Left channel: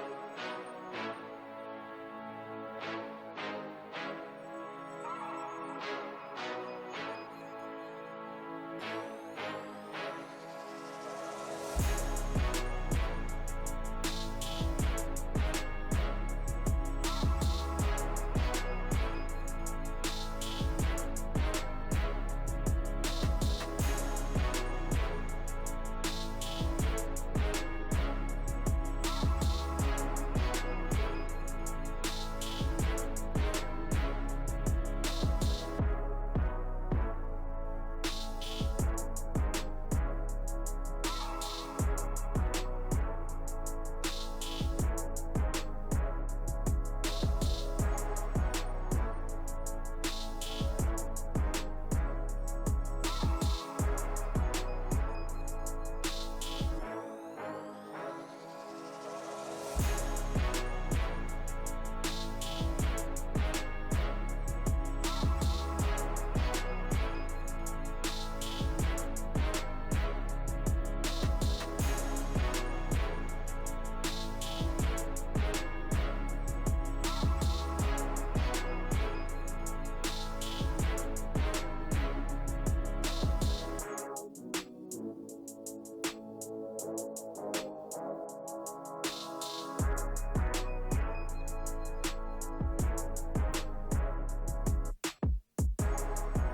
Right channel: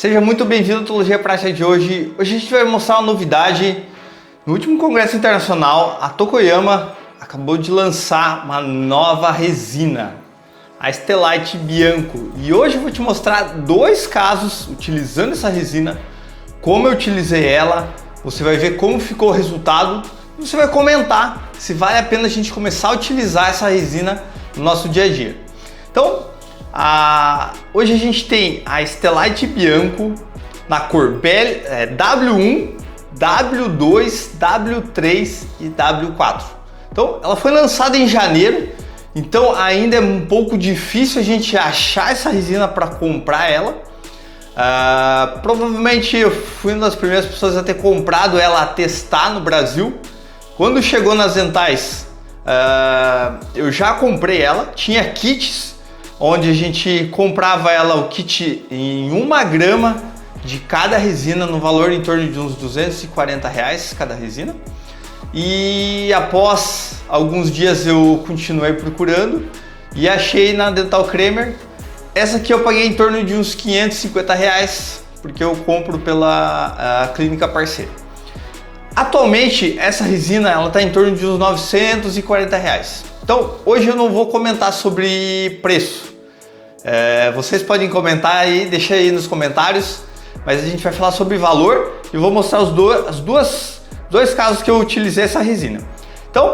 Seja muito bem-vindo à Odontologia Prática de hoje. Hoje a gente vai mostrar uma novidade. No último congresso internacional, a Tokoyama acabou de lançar uma nova resina, a Estelite Bianco. E hoje eu vou te mostrar dois casos utilizando essa resina, como eu utilizei ela, você vai ver como ficou o resultado e você vai comentar se vale a pena a gente começar a utilizar essa resina no nosso dia a dia. Então, hoje a gente tem a Estelite Bianco na cor W1, W2, W3 e W4. Então, ela foi lançada em janeiro, então ainda é um pouco difícil a gente achar essa resina para comprar ela. Provavelmente eu fui uma das primeiras pessoas a ter comprado ela, a testar no Brasil. Quando chegou nas dentais, eu já comprei ela, tinha kits onde a gente comprava ela, o kit em 1 grama de cada resina, no valor em torno de uns R$240 cada resina. E após alguns dias eu continuei procurando e achei na Dental Kramer. Essa aqui eu paguei em torno de uns R$550, porque eu compro pela clínica parceira. Atualmente essa resina ela está em torno de uns R$940. Então hoje eu não vou comentar sobre preço. Vocês podem comentar aí, deixa aí nos comentários, mas a gente vai falar sobre valor e vou mostrar os dois casos que eu utilizei essa resina. Então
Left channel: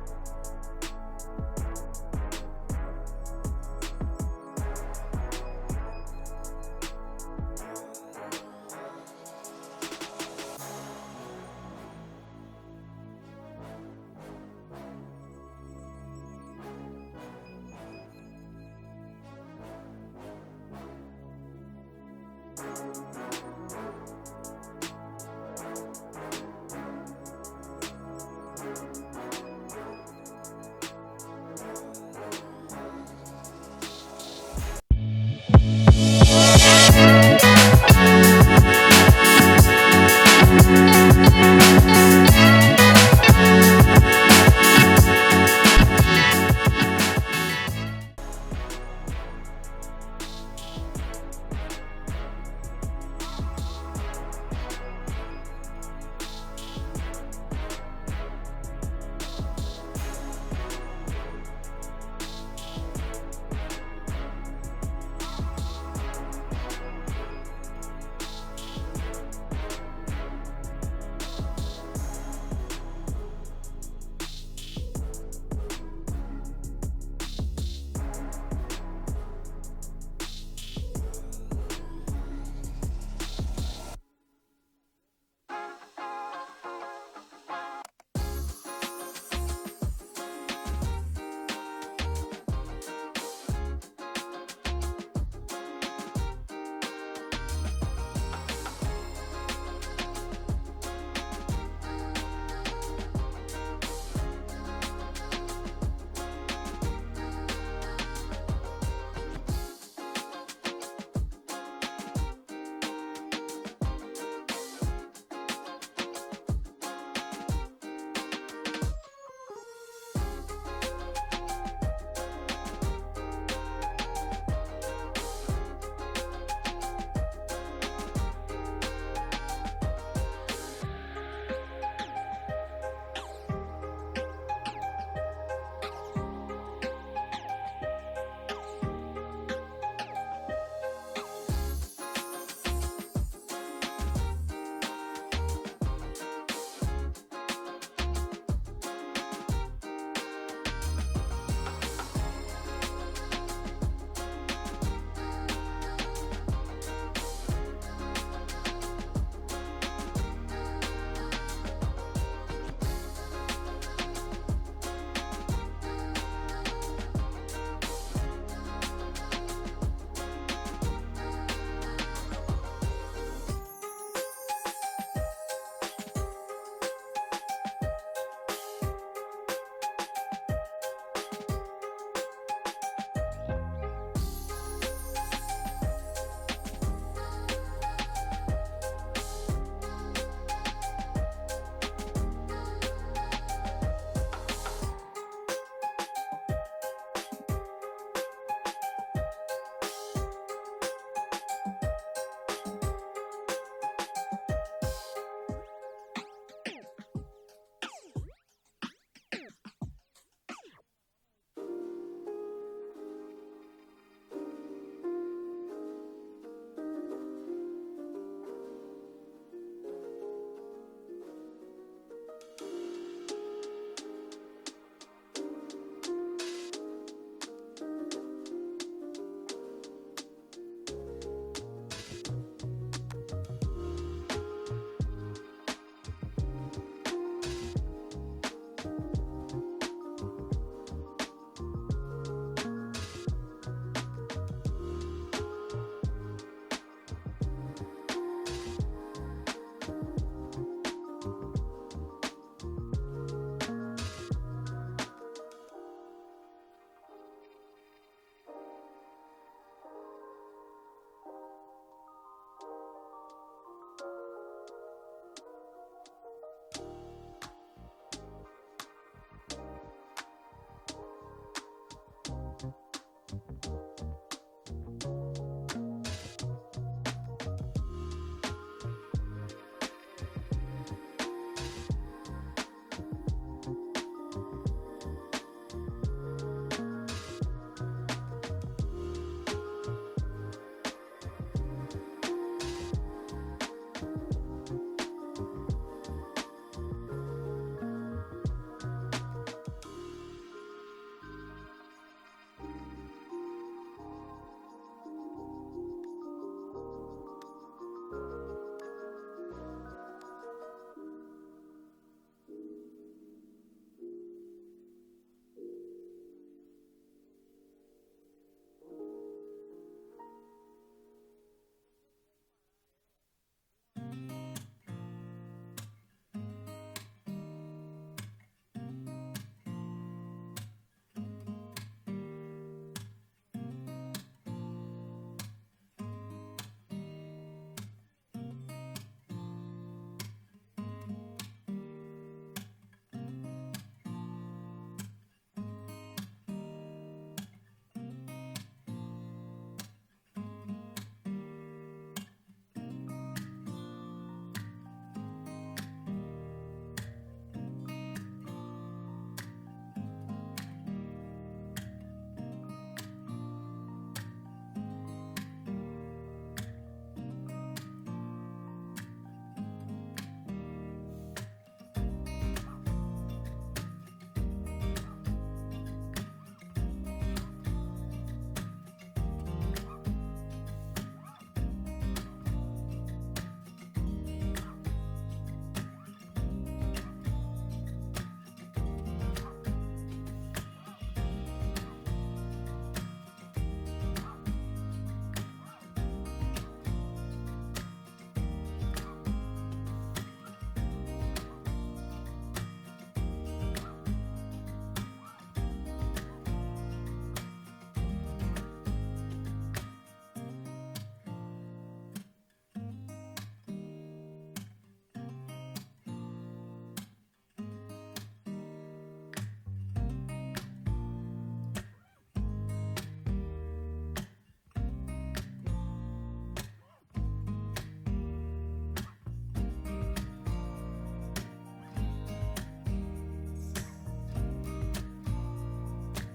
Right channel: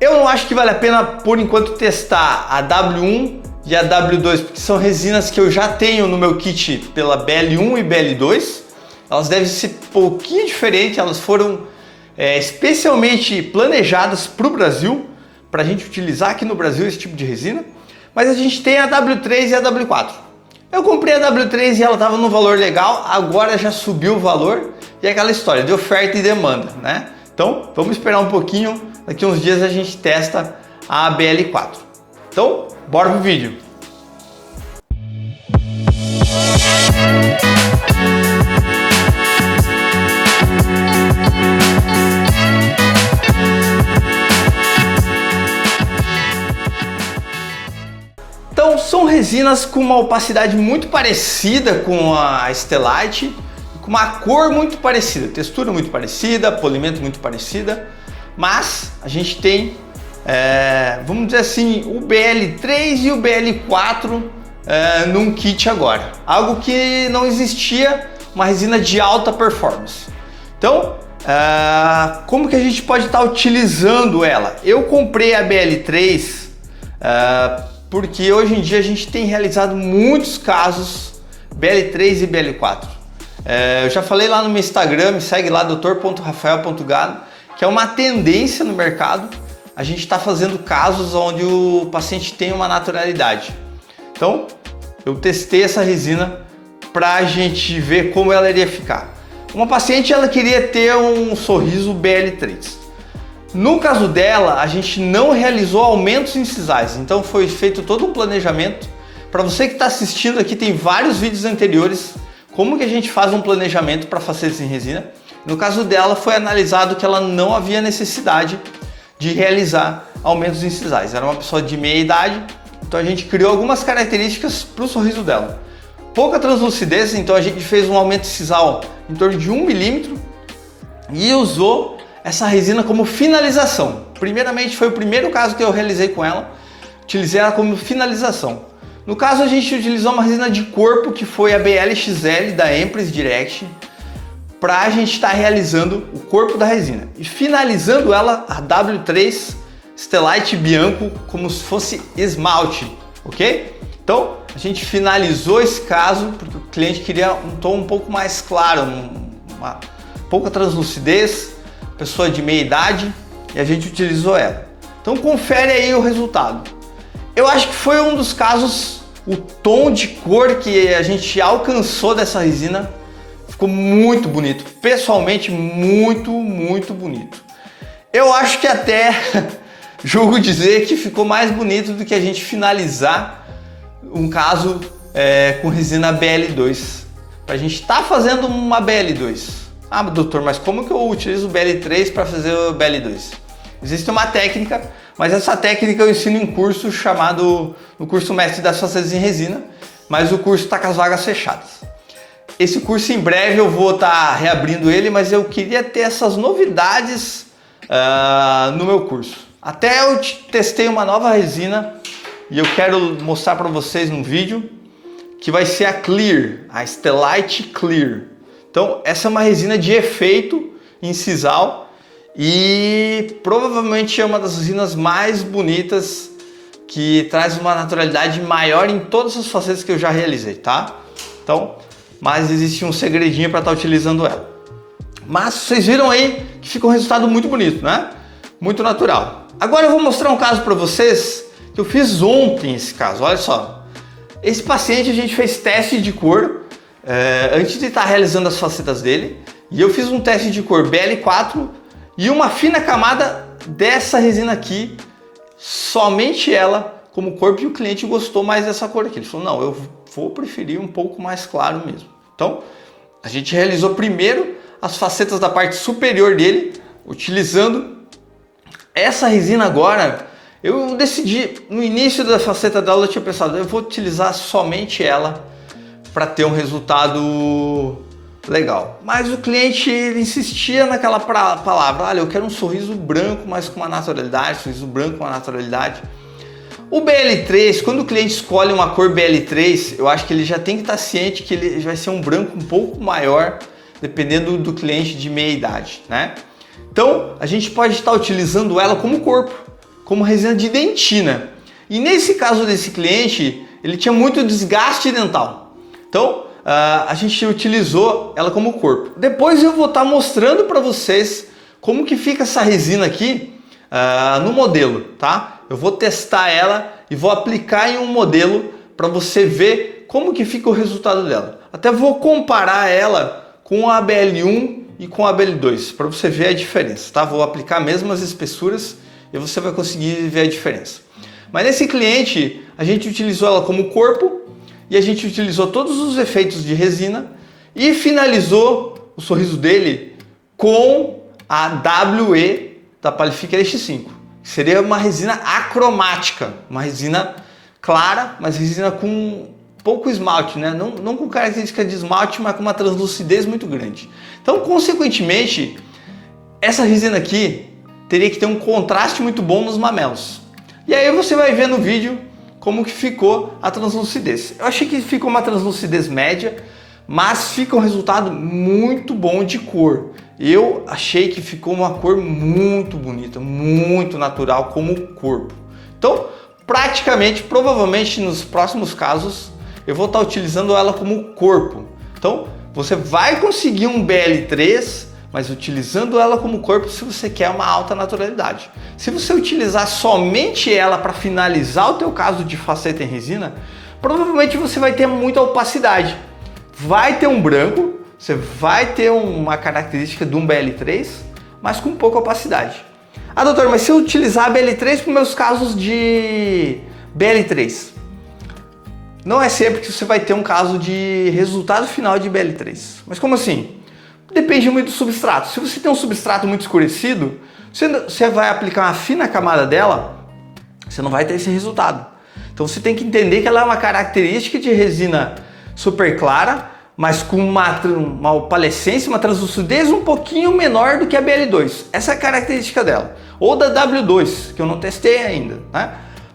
eu não acho que vale a pena por enquanto testar a W1 e a W2, porque são resinas que eu já tenho no meu kit pela BL1 e BL2. Elas devem ser um pouquinho diferentes, elas foram especialmente planejadas para o Brasil, para a gente utilizar aqui no Brasil esse tipo de resina. Mas a gente tem a W3 e a W4. Eu comprei a W3 e ela estava no valor legal, agora já subiu o valor e é aquela história de oferta e demanda, né? Então vamos esperar um pouquinho, daqui uns dias a gente testa a BL4. Então, bora pro vídeo! Então, são resinas com uma opacidade muito parecida com a Estelite, com uma cor muito parecida, textura muito parecida, polimento muito parecida, mas a gente tem, vamos dizer assim, o BL3 e o BL4 num kit agora. Algo que não existia, uma resina de alta performance. Então, como que a gente pode estar utilizando ela? Eu comprei a BL3 porque hoje em dia a gente tem realizado muitos casos BL3 e BL4. Eu já falei lá no meu Instagram, me segue lá, dr.rafael.gado, que é uma tendência no mercado. A gente está fazendo casos onde o paciente tem uma naturalidade. Então, eu testei essa resina para a gente ver como ela iria ficar. Uma paciente, ela queria ter um sorriso BL3. No caso dela, a gente não realizou aumentos incisais, então foi feito todo um planejamento. Para você que está assistindo aqui, tem vários vídeos anteriores, como que a gente faz um planejamento para facetas em resina. No caso dela, foi analisado que ela não havia necessidade de realizar aumentos incisais. Era uma pessoa de meia idade, então a gente criou algumas características para o sorriso dela. Pouca translucidez, então a gente fez um aumento incisal em torno de 1 milímetro e usou essa resina como finalização. Primeiramente, foi o primeiro caso que eu realizei com ela, utilizei ela como finalização. No caso, a gente utilizou uma resina de corpo que foi a BLXL da Empress Direct, para a gente estar realizando o corpo da resina e finalizando ela, a W3 Estelite Bianco, como se fosse esmalte, ok? Então a gente finalizou esse caso porque o cliente queria um tom um pouco mais claro, uma pouca translucidez, pessoa de meia idade, e a gente utilizou ela. Então confere aí o resultado. Eu acho que foi um dos casos, o tom de cor que a gente alcançou dessa resina ficou muito bonito, pessoalmente muito bonito. Eu acho que até julgo dizer que ficou mais bonito do que a gente finalizar um caso com resina BL2. A gente está fazendo uma BL2. Ah, doutor, mas como que eu utilizo o BL3 para fazer o BL2? Existe uma técnica, mas essa técnica eu ensino em curso chamado, no curso Mestre das Facetas em Resina, mas o curso está com as vagas fechadas. esse curso em breve eu vou estar reabrindo ele, mas eu queria ter essas novidades no meu curso. Até eu testei uma nova resina e eu quero mostrar para vocês num vídeo que vai ser a Clear, a Stellite Clear. Então essa é uma resina de efeito em sisal e provavelmente é uma das resinas mais bonitas, que traz uma naturalidade maior em todas as facetas que eu já realizei, tá? Então, mas existe um segredinho para estar utilizando ela. Mas vocês viram aí que ficou um resultado muito bonito, né? Muito natural. Agora eu vou mostrar um caso para vocês que eu fiz ontem esse caso, olha só. Esse paciente a gente fez teste de cor antes de estar realizando as facetas dele, e eu fiz um teste de cor BL4 e uma fina camada dessa resina aqui, somente ela como corpo, e o cliente gostou mais dessa cor aqui. Ele falou, não, eu vou preferir um pouco mais claro mesmo. Então, a gente realizou primeiro as facetas da parte superior dele, utilizando essa resina. Agora, eu decidi, no início da faceta dela, eu tinha pensado, eu vou utilizar somente ela para ter um resultado legal. Mas o cliente ele insistia naquela palavra, olha, eu quero um sorriso branco, mas com uma naturalidade, sorriso branco com uma naturalidade. O BL3, quando o cliente escolhe uma cor BL3, eu acho que ele já tem que estar ciente que ele vai ser um branco um pouco maior, dependendo do cliente de meia idade, né? Então, a gente pode estar utilizando ela como corpo, como resina de dentina. E nesse caso desse cliente, ele tinha muito desgaste dental. Então, a gente utilizou ela como corpo. Depois eu vou estar mostrando para vocês como que fica essa resina aqui no modelo, tá? Eu vou testar ela e vou aplicar em um modelo para você ver como que fica o resultado dela. Até vou comparar ela com a BL1 e com a BL2 para você ver a diferença, tá? Vou aplicar mesmo as espessuras e você vai conseguir ver a diferença. Mas nesse cliente a gente utilizou ela como corpo e a gente utilizou todos os efeitos de resina e finalizou o sorriso dele com a WE da Palifica X5. Seria uma resina acromática, uma resina clara, mas resina com pouco esmalte, né? Não com característica de esmalte, mas com uma translucidez muito grande. Então, consequentemente, essa resina aqui teria que ter um contraste muito bom nos mamelos. E aí você vai ver no vídeo como que ficou a translucidez. Eu achei que ficou uma translucidez média, mas fica um resultado muito bom de cor. Eu achei que ficou uma cor muito bonita, muito natural como corpo. Então, praticamente, provavelmente nos próximos casos, eu vou estar utilizando ela como corpo. Então, você vai conseguir um BL3, mas utilizando ela como corpo se você quer uma alta naturalidade. Se você utilizar somente ela para finalizar o teu caso de faceta em resina, provavelmente você vai ter muita opacidade. Vai ter um branco, você vai ter uma característica de um BL3, mas com pouca opacidade. Ah, doutor, mas se eu utilizar a BL3 para os meus casos de BL3? Não é sempre que você vai ter um caso de resultado final de BL3. Mas como assim? Depende muito do substrato. Se você tem um substrato muito escurecido, você vai aplicar uma fina camada dela, você não vai ter esse resultado. Então você tem que entender que ela é uma característica de resina super clara, mas com uma opalescência, uma translucidez um pouquinho menor do que a BL2. Essa é a característica dela. Ou da W2, que eu não testei ainda, né?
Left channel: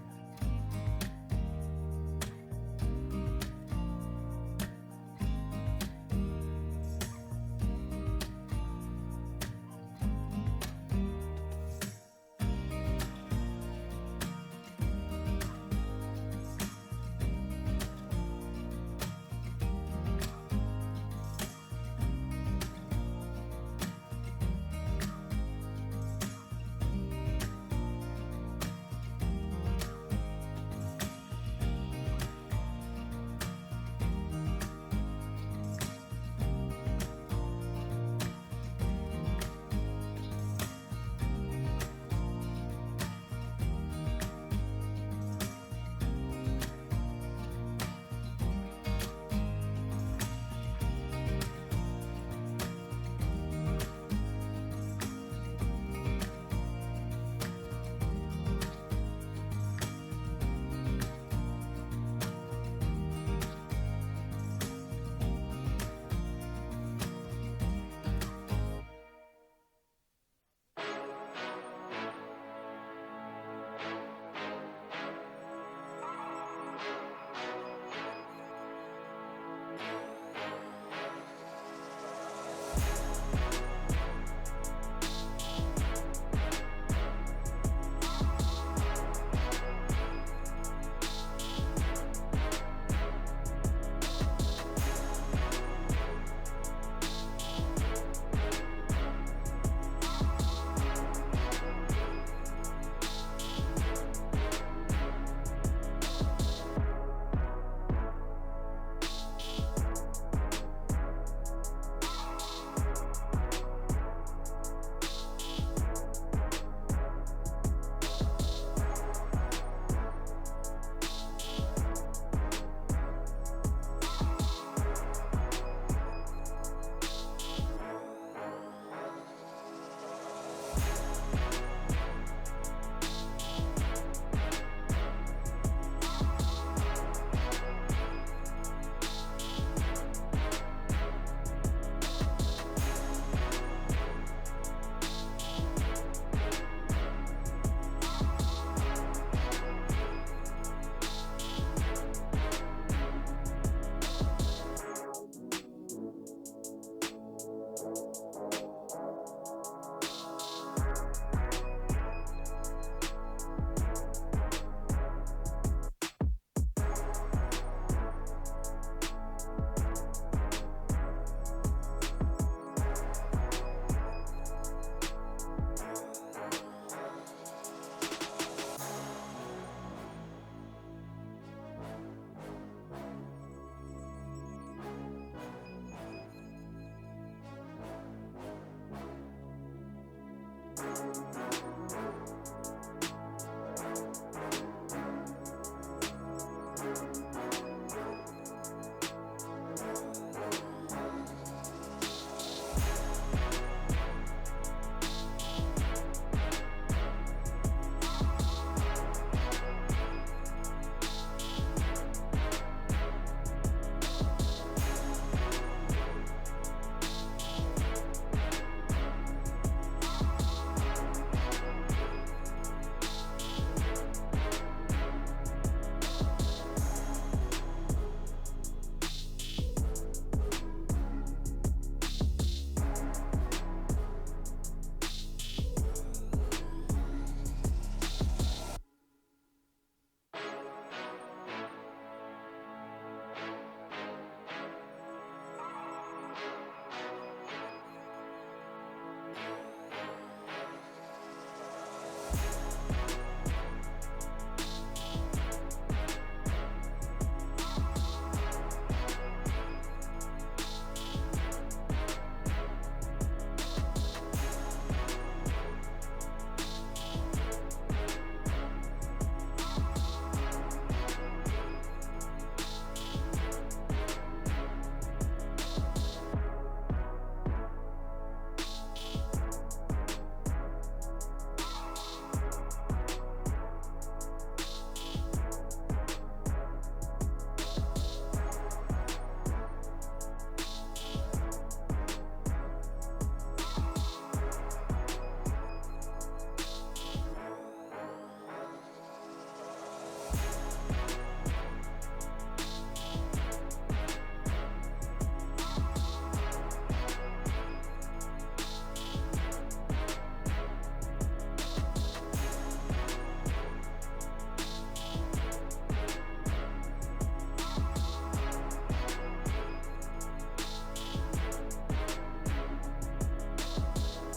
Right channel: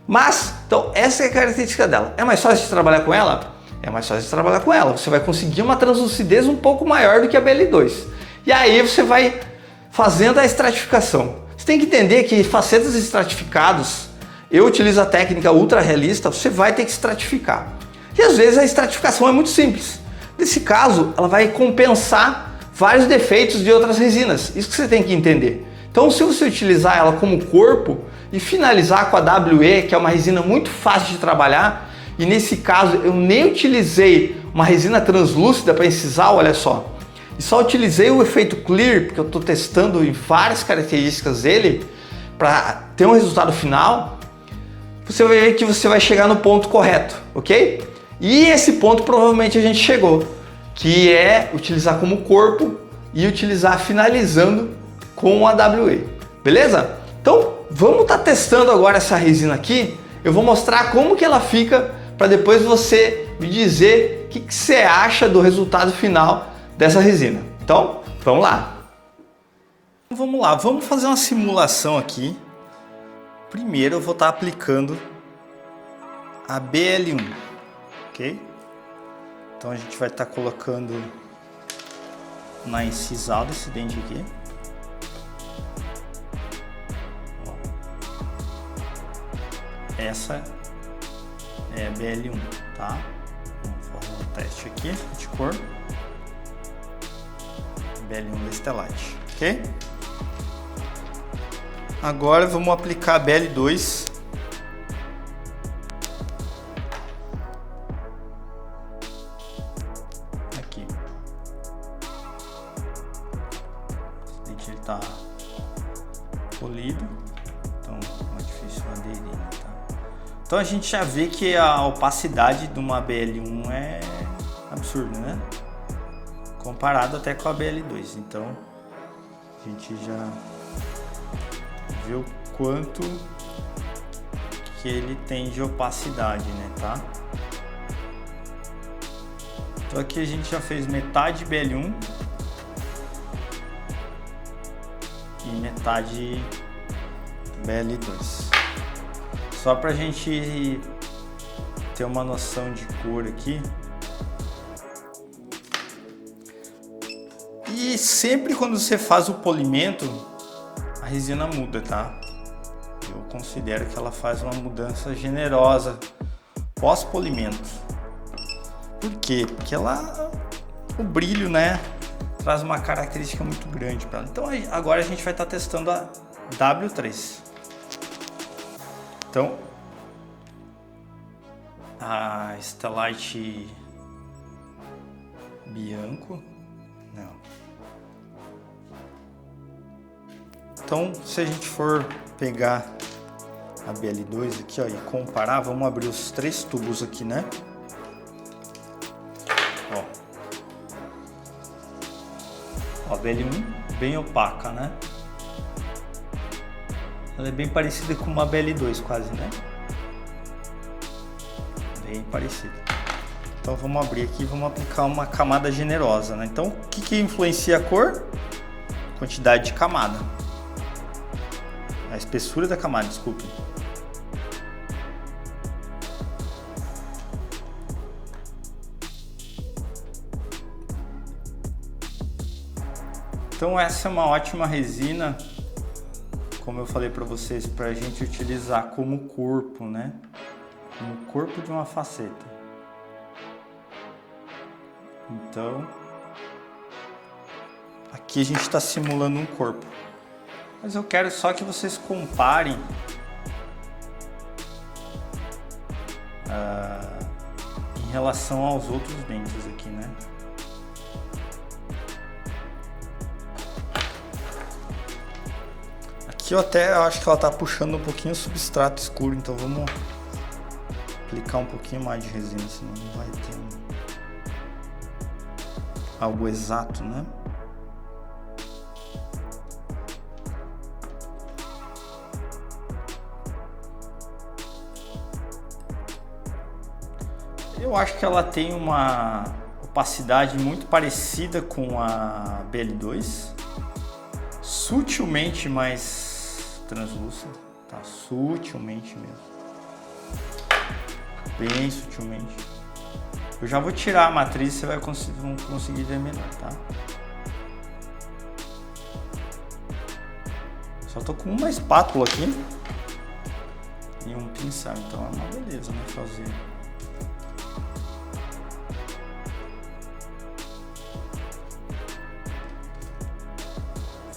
Mas, então, essa é a característica dela. É mais fácil de trabalhar com ela? É mais fácil de trabalhar com ela. Você vai conseguir uma translucidez um pouco maior do que a BL2. E aí você vai fazendo a estratificação. Você tem que entender que facetas estratificados, eu utilizo a técnica ultra realista, você vai ter que estratificar. E às vezes a estratificação é muito simples. Nesse caso, ela vai compensar vários defeitos de outras resinas. Isso que você tem que entender. Então, se você utilizar ela como corpo e finalizar com a WE, que é uma resina muito fácil de trabalhar, e nesse caso eu nem utilizei uma resina translúcida para incisal, olha só. E só utilizei o efeito Clear, porque eu estou testando em várias características dele, para ter um resultado final. Você vai ver que você vai chegar no ponto correto, ok? E esse ponto provavelmente a gente chegou, que é utilizar como corpo e utilizar finalizando com a WE, beleza? Então vamos estar testando agora essa resina aqui. Eu vou mostrar como que ela fica para depois você me dizer que você acha do resultado final dessa resina. Então, vamos lá. Vamos lá, vamos fazer uma simulação aqui. Primeiro eu vou estar aplicando a BL1, ok? Então a gente vai estar colocando na incisal desse dente aqui. Essa é a BL1, tá? Vamos fazer um teste aqui de cor. BL1 da Stellite, ok? Agora vamos aplicar a BL2. Aqui. O dente ele tá polido, então é difícil aderir, tá? Então a gente já vê que a opacidade de uma BL1 é absurda, né? Comparado até com a BL2, então a gente já vê o quanto que ele tem de opacidade, né, tá? Então aqui a gente já fez metade BL1 e metade BL2. Só pra gente ter uma noção de cor aqui. E sempre quando você faz o polimento, a resina muda, tá? Eu considero que ela faz uma mudança generosa pós-polimento. Por quê? Porque o brilho, né, traz uma característica muito grande para ela. Então agora a gente vai estar testando a W3. Então a Stellite Bianco. Então, se a gente for pegar a BL2 aqui, ó, e comparar, vamos abrir os 3 tubos aqui, né? Ó, a BL1 bem opaca, né? Ela é bem parecida com uma BL2 quase, né? Bem parecida. Então vamos abrir aqui e vamos aplicar uma camada generosa, né? Então, o que influencia a cor? Quantidade de camada. A espessura da camada, desculpe. Então essa é uma ótima resina, como eu falei para vocês, para a gente utilizar como corpo, né? Como corpo de uma faceta. Então, aqui a gente está simulando um corpo. Mas eu quero só que vocês comparem em relação aos outros dentes aqui, né? Aqui eu até acho que ela tá puxando um pouquinho o substrato escuro, então vamos aplicar um pouquinho mais de resina, senão não vai ter algo exato, né? Eu acho que ela tem uma opacidade muito parecida com a BL2, sutilmente mais translúcida, tá? Sutilmente mesmo, bem sutilmente. Eu já vou tirar a matriz, você vai conseguir ver melhor, tá? Só tô com uma espátula aqui e um pincel, então é uma beleza, né? Fazer.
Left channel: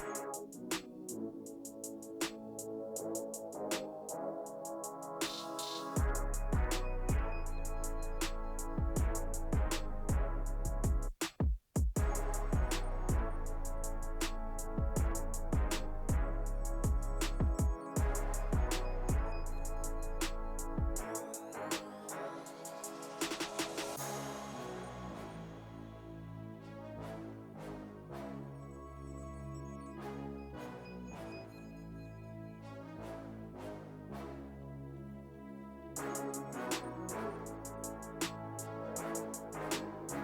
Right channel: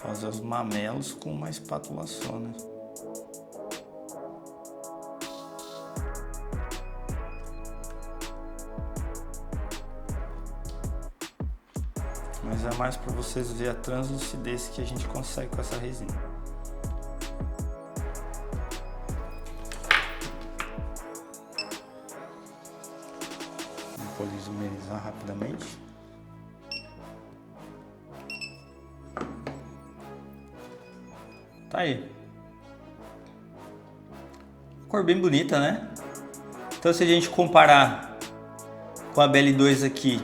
Fazer os mamelos com uma espátula só, né? Mas é mais para vocês verem a translucidez que a gente consegue com essa resina. Vou polimerizar rapidamente. Tá aí. Cor bem bonita, né? Então se a gente comparar Com a BL2 aqui,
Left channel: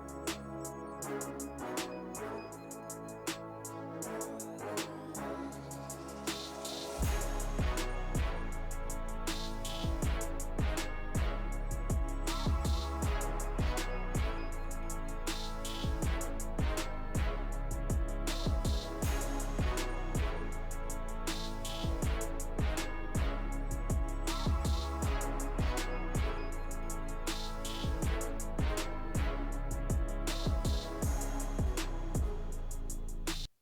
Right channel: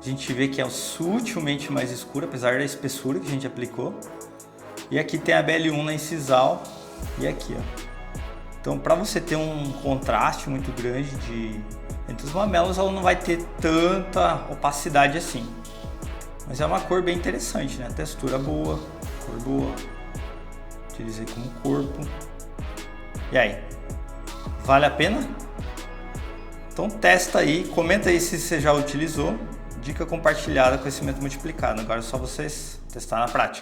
a gente vê que é sutilmente mais escura, apesar da espessura que a gente aplicou. E aqui tem a BL1 na incisal e aqui, ó. Então, para você ter um contraste muito grande entre os mamelos, ela não vai ter tanta opacidade assim. Mas é uma cor bem interessante, né? Textura boa, cor boa. Utilizei como corpo. E aí? Vale a pena? Então testa aí, comenta aí se você já utilizou. Dica compartilhada, conhecimento multiplicado. Agora é só vocês testar na prática.